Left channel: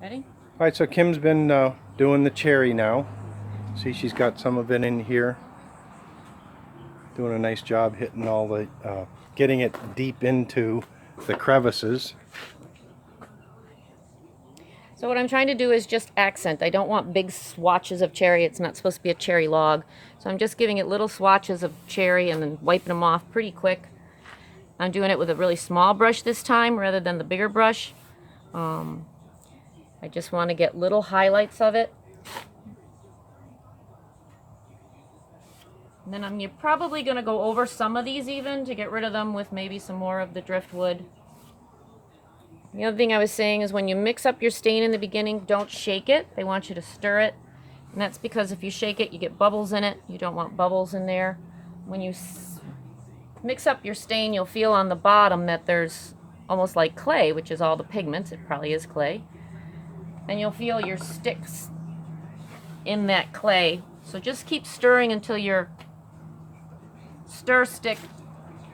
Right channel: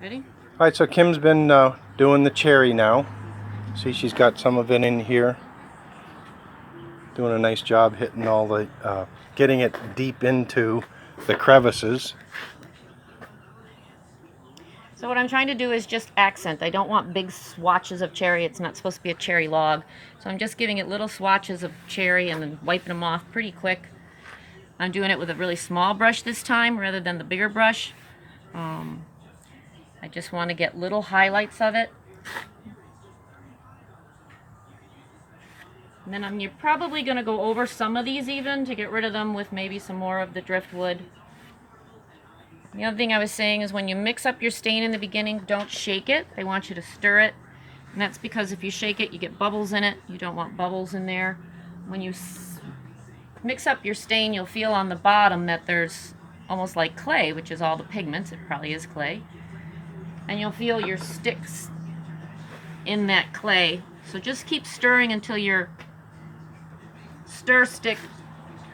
Ready? All right, so Kim's been doing the cherry now. See, she's got some of it in here. Doing a nice job hitting all the, getting it deep into the crevices. So what I'm trying to do is just accent. I don't want big swatches of cherry. It's not supposed to be a cherry log. So I'm just giving it little swatches of cherry and then wiping them off pretty quick. I'm doing it with a really small brush this time rather than the bigger brush. I just want to get little highlights of it. And then you're probably going to go over some of these even to get rid of them with maybe some more of the driftwood. The other thing I was saying is when you mix up your stain in the beginning, don't shake it. They want you to stir it. And that's because if you shake it, you get bubbles in it. You don't want bubbles in there. When you mix up your stain, you'll feel on the bottom that there's almost like clay, which is all the pigments. It probably is clay. And you'll feel your sticks in that clay. So just keep stirring until your stir stick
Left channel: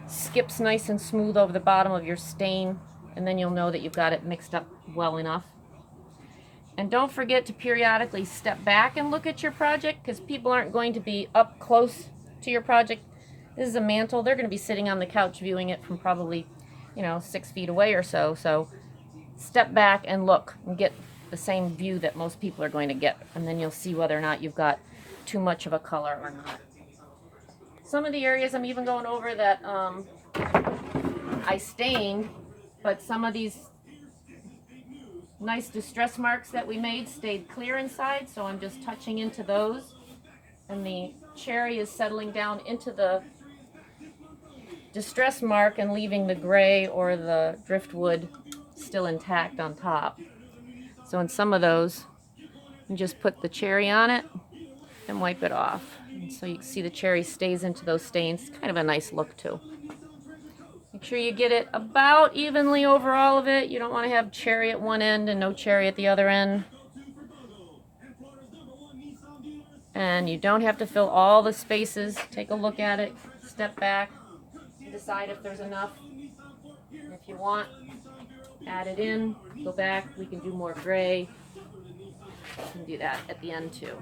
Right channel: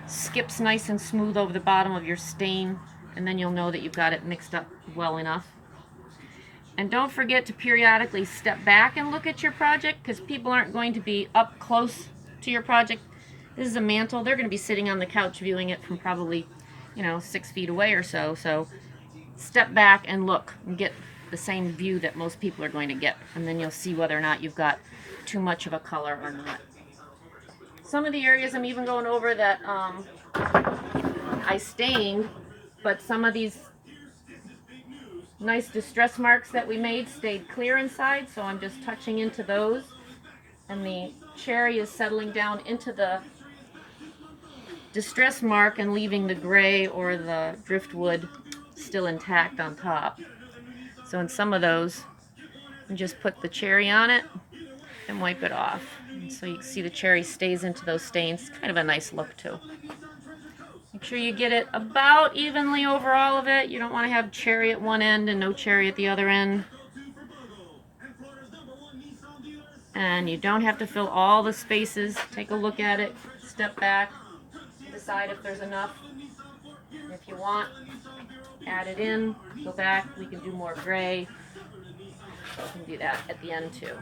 skips nice and smooth over the bottom of your stain, and then you'll know that you've got it mixed up well enough. And don't forget to periodically step back and look at your project, because people aren't going to be up close to your project. This is a mantle. They're going to be sitting on the couch viewing it from probably, 6 feet away or so. So step back and look and get the same view that most people are going to get, and then you'll see whether or not you've got too much of a color or not. Some of the areas I'm even going over that I stained, but some of these nice distress marks that we made stayed clear inside, so I'm just touching into those, and the cherry is settling down into the distress mark and leaving the gray or the driftwood still intact on top. So in some of those, you just put the cherry on it and wipe it off. And so you can see the cherry stays into those stains. It's kind of a nice look too. Make sure you get it about evenly over all of it. You don't want to have cherry at one end and no cherry at the other end. And you don't have to fill all the spaces. Take a look at it, step back, decide if there's enough. If you want, add it in, go back. We can do more gray. We can do that at the end too.